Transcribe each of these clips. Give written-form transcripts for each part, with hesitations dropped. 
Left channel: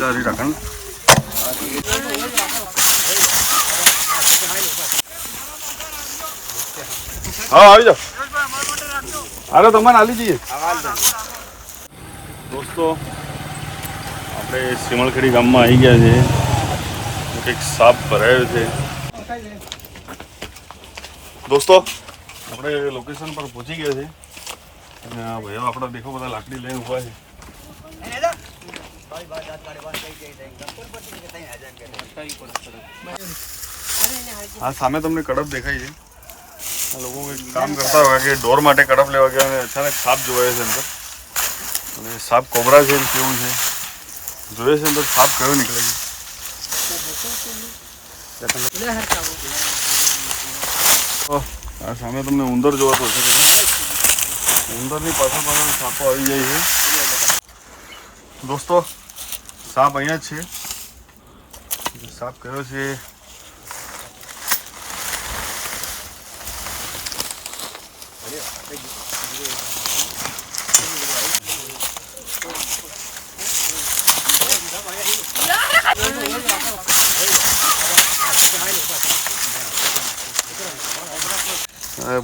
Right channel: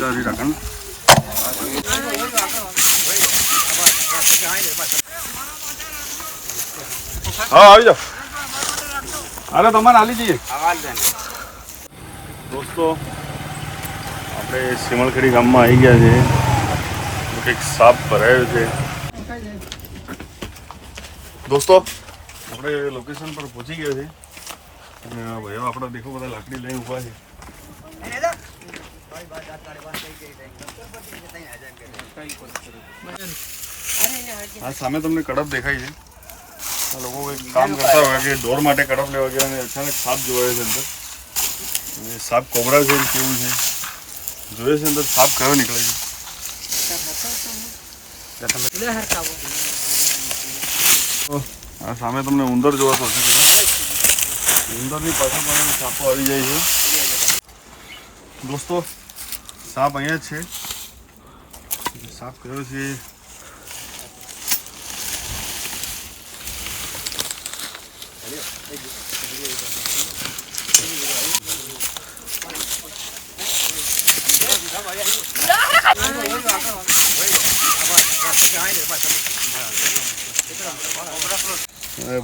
રાખણ હા આવી જાઓ. અરે તમારે આલી જઈએ દોસ્તો. આપણે સિમલખેડી ગામમાં આવી ગયા છે. કંઈક સાપ ભરાયો છે દોસ્તો. આપણે લોકેશન પર પહોંચી ગયા છે અને ભાઈઓ આપણા દેખો બધા લાકડી લઈને ઊભા છે. આ સામે તમને કડપ દેખાય છે. લોકો એક કામ કરતા હોય કે ઢોર માટે કડપ લેવા ગયા અને અચાનક સાપ જોવાયો છે અંદર. અને સાપ કોબરા છે કેવું છે જોઈએ છે અંદર. સાપ કયો નીકળે છે આ સામે તમને ઉંદર જોવો તો ઉંદરની પાછળ પાછળ સાપો આવી જાય છે દોસ્તો. સાપ અહીંયા જ છે. સાપ કયો છે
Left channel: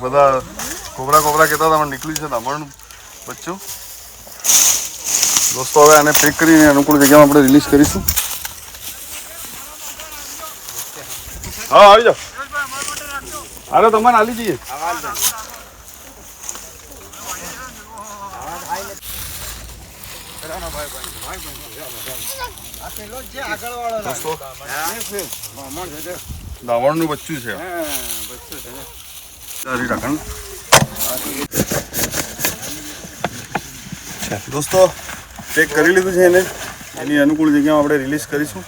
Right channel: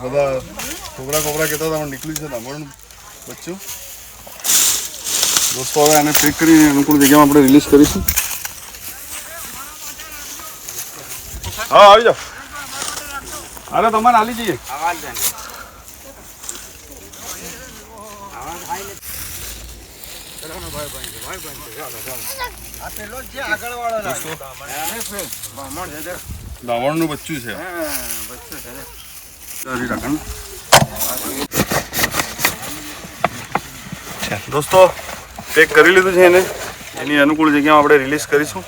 બધા કોબરા કોબરા કહેતા હતા પણ નીકળ્યું છે ધામણનું બચ્ચું દોસ્તો. હવે આને પેક કરીને અનુકૂળ જગ્યામાં આપણે રિલીઝ કરીશું. હા આવી જાઓ. અરે તમારે આલી જઈએ દોસ્તો. ધાવણનું બચ્ચું છે રાખણ દોસ્તો. પેક કરી લીધું છે એને. એની અનુકૂળ જગ્યામાં આપણે રિલીઝ કરીશું.